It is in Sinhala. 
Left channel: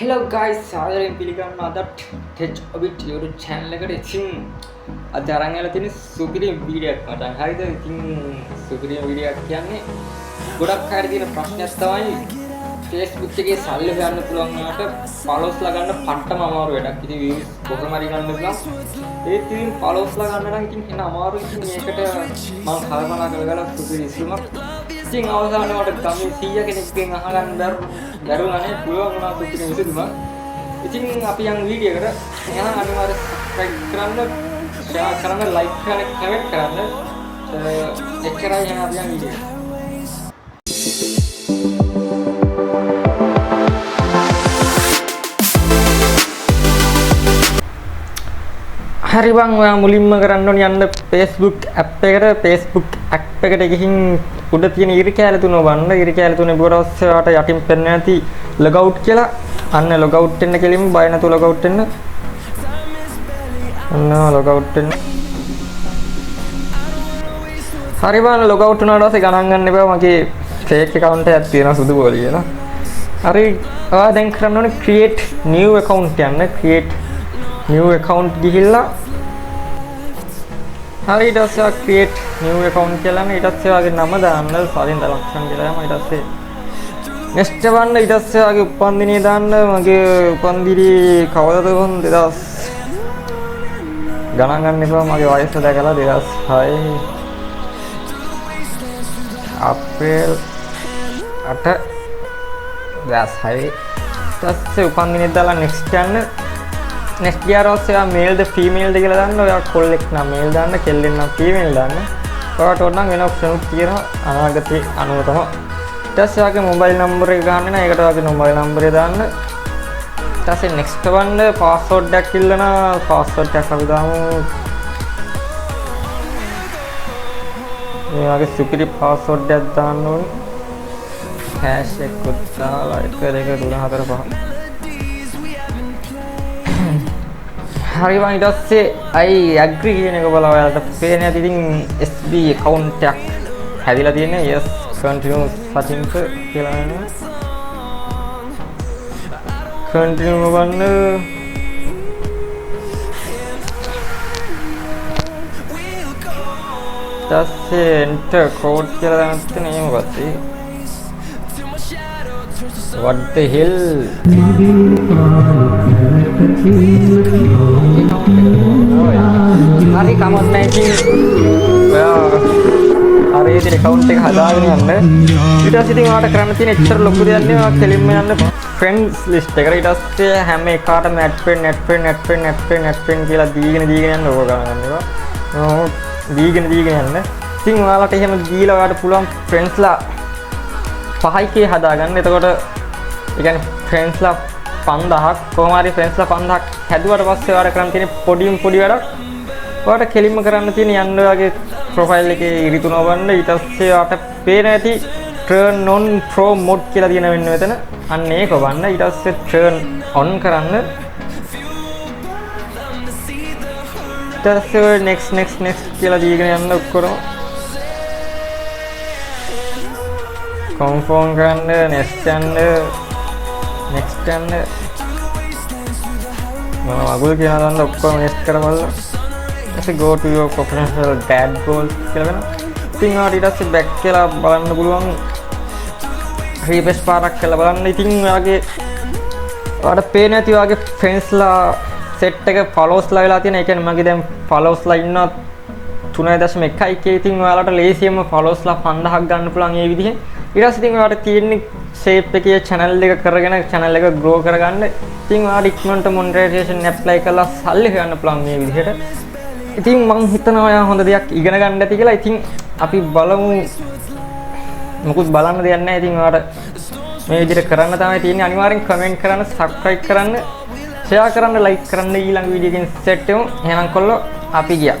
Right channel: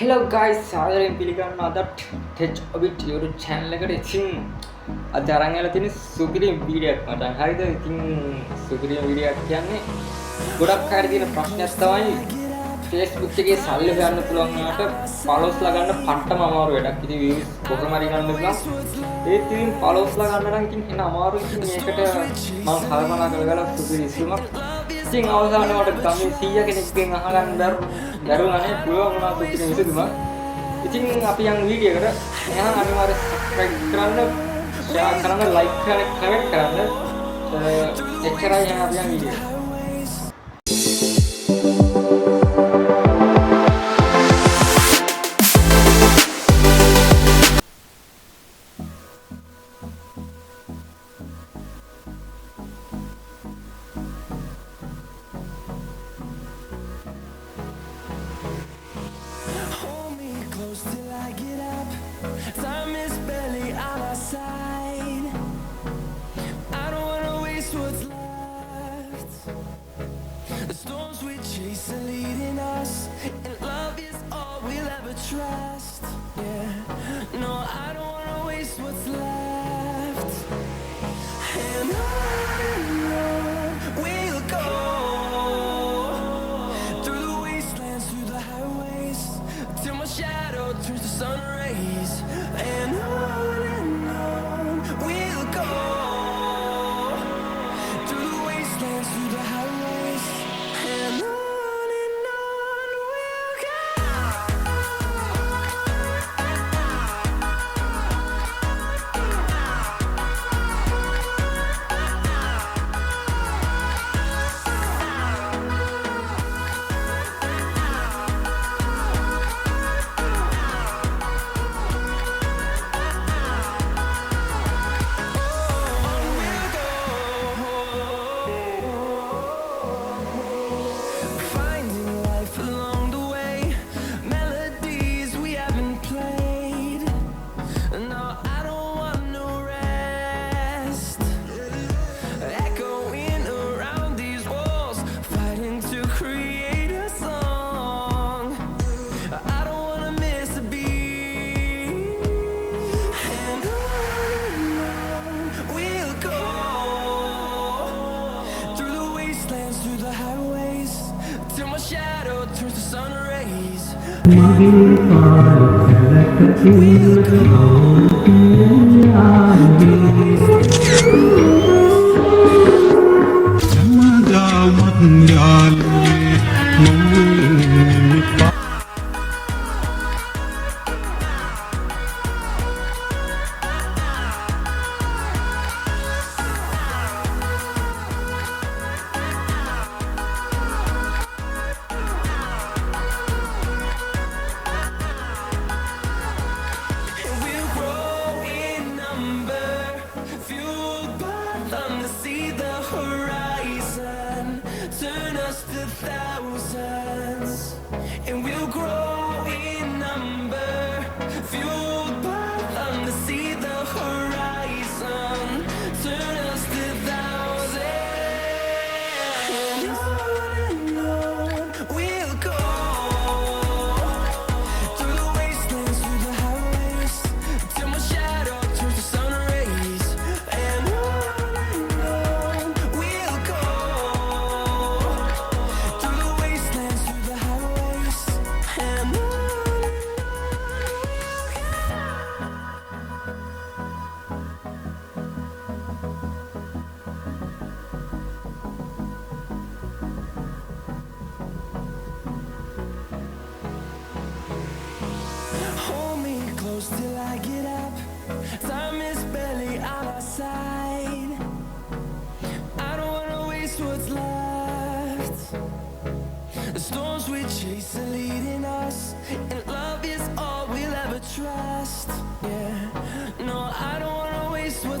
Hello guys, සාදරයෙන් පිළිගන්නවා අදත් ටෙච් ඔබිට් YouTube channel එකට. ඉතින් අද අරන් ඇවිල්ලා තියෙන සුපිරි වීඩියෝ එකක් මට. හරිද? ඉතින් සුපිරි වීඩියෝ එකක් කියන්නේ ගොඩක් අය තියෙන ප්‍රශ්නයක් තමයි Facebook එකේ සල්ලි ගන්න පුළුවන් වුණාට followers ලා ගන්න පට්ටම අමාරු වැඩක්. ඉතින් views කොහොම හරි ගන්න පුළුවන්. ඒත් ඉතින් followers ලා ගන්න නම් ඉතින් එන අමාරුයි. ඉතින් මේකට මම කල්පනා කරලා සුපිරි ඉස්මක් ඉතින් අවසානයේ මට ගමේ 100 කෙනෙක්ගෙන් අහගන්න බැරුණානේ පුළුවන් වුණා සුපිරි විසඳුමක්. ඉතින් අපි යන් වීඩියෝ එකට එහෙනම් අනිවාර්යයෙන් subscribe කරන්න, share කරන්න, like කරන්න, comment කරන්න. එච්චරයි එහෙනම් අපි යන් වීඩියෝ. හරි බං, ඔයා මුලින්ම කරන්න ඕනේ යන්න Facebook app එකට. Facebook app එකට ගිහින් උඩ තියෙන ඉරි කැල තුන බලන්න. ඉරි කැල තුනේ බොරොස්සේ ඔයාට යටින් පෙන්න නැති log out කියලා. අන්න log out වෙන්න කෙලින්ම බය නැතුව log out වෙන්න. අන්න log out වෙන්න. හරි බං, log out වුණාට පස්සේ ගණන් ගන්න එපා. මගේ fake account එකක් තියෙනවා සුදු බෝලි කියලා. හරි, ඔයා දැන් කරන්න ඕනේ create new account යන්න. create new account ගිහිල්ලා හරි ඊට පස්සේ create new account කියලා නේ. ඊට පස්සේ ඔයාගේ නම දාන්න, පදින් දලක්ෂණ කියලා. ඊට පස්සේ next වන්න. ඊට පස්සේ ඔයාගේ උපන්දිනේ දාන්න. මගේ උපන්දිනේ කවදද වුන් 2000 ගණන් ගන්න එපා. මගේ වයස දැකලා 2006 අප්‍රේල් 8 2006. ඊට පස්සේ උපන්දිනේ දාලා next යන්න. next ගියාට පස්සේ ඔයා male ද female ද කියලා දාන්න. ඔයා කොල්ලෙක් නම් male දාන්න, කෙල්ලෙක් නම් female දාන්න. ඔයාට ඕන නම් වෙන options තියෙනවා අනාගතේ අනුව තමයි. ඊට පස්සේ ඔයාගේ mobile number එක ගන්න නම් ඒකට ඔයාගේ mobile number එක දාන්න. ඊට පස්සේ next වන්න password එකක් ඉල්ලන password එකක් අපි දාමු. ඔයාගේ security password එකක් දාන්න ඕනේ. hash එක දාලා ඒක 2 3 4 5. හරි බං, ඊට පස්සේ I agree කියන එක බලලා ඔයාලට පේන්නේ නැති. ඉතින් SB account එකක් හැදිලා තියෙනවා. yes continue settings කියලා නේද? continue වන්න. පස්සේ enter code කියලා දාන්න මොකක්ද? what the hell? Nanti kamu nanti hari ini account එක හදාගන්න. ඊට පස්සේ ඉතින් ඔයාලට කරන්න තියෙන එච්චර ලොකු දෙයක් නෙවෙයි. කෙලින්ම යන්න friends list එකට. ඊට පස්සේ හැම එකකටම add friend කියලා දීගෙන යන්න ඕක ගන්නවා. දීගෙන යන්න. ඉතින් ඔයාලට එහෙම දීලා ඔයාලට පුළුවන් friends ලා 5k හදාගන්න. එතකොට ඒ කියන්නේ friends ලා 5000ක් කොහොම හරි friends ලා 5000ක් හැදුවට පස්සේ ඔයාලට කරන්න තියෙන පොඩි වැඩක්. ඔයාලට කෙලින්ම කරන්න තියෙන යන්න ඔයාගේ profile එකේ ඉරිතුන වන්න. ඊට පස්සේ ඔයාලට පේන ඇති turn on pro mode කියලා තියෙන වෙන්න මෙතන. අන්න ඒක වන්න. ඊට පස්සේ turn on කරන්න. ඊට පස්සේ next කියලා දීගෙන යන්න ඔක්කොම. confirm කරන්න. next යන්න. අගොල්ලෝ කියනවා නම් ඔක්කොම next කරමල්ලා. ඊට go to your professional dad goals කියලා දෙනවා. ඉතින් ආ ඊට පස්සේ back කියලා බලන්න පුළුවන්. refresh පාරක් කියලා බලන්න. ඉතින් ඔයාලට පේන්නේ නැති ඔයාගේ friends ලා set එක followers ලා වෙලා තියෙන. ඒ කියන්නේ මගේ දැන් followers ලා ඉන්නවා 3.1k. ඉතින් ඔයාලට ලේසියෙන්ම followers ලා 5000ක් ගන්න පුළුවන් මේ විදිහෙන්. ඊට පස්සේ ඉතින් ඔයාලට තියෙන්නේ shape එකේ channel එක කරගෙන channel එක grow කරගන්න. ඉතින් ඔයාලට ඉක්මනට monetization apply කරලා සල්ලි ගන්න පුළුවන් මේ විදිහට. ඉතින් මම හිතනවා ඔයා හොඳ දෙයක් ඉගෙන ගන්න ඇති කියලා. ඉතින් අපි බලමු. මොකුත් බලන්න දෙයක් නැහැ. ඉතින් ඔයාලට මේ විදිහට කරන්න තමයි තියෙන්නේ. අනිවාර්යෙන් comment කරන්න, subscribe කරන්න, share කරන්න, like කරන්න. ඊළඟ වීඩියෝ එකෙන් set වෙමු. එහෙනම් කොල්ලෝ අපි ගියා.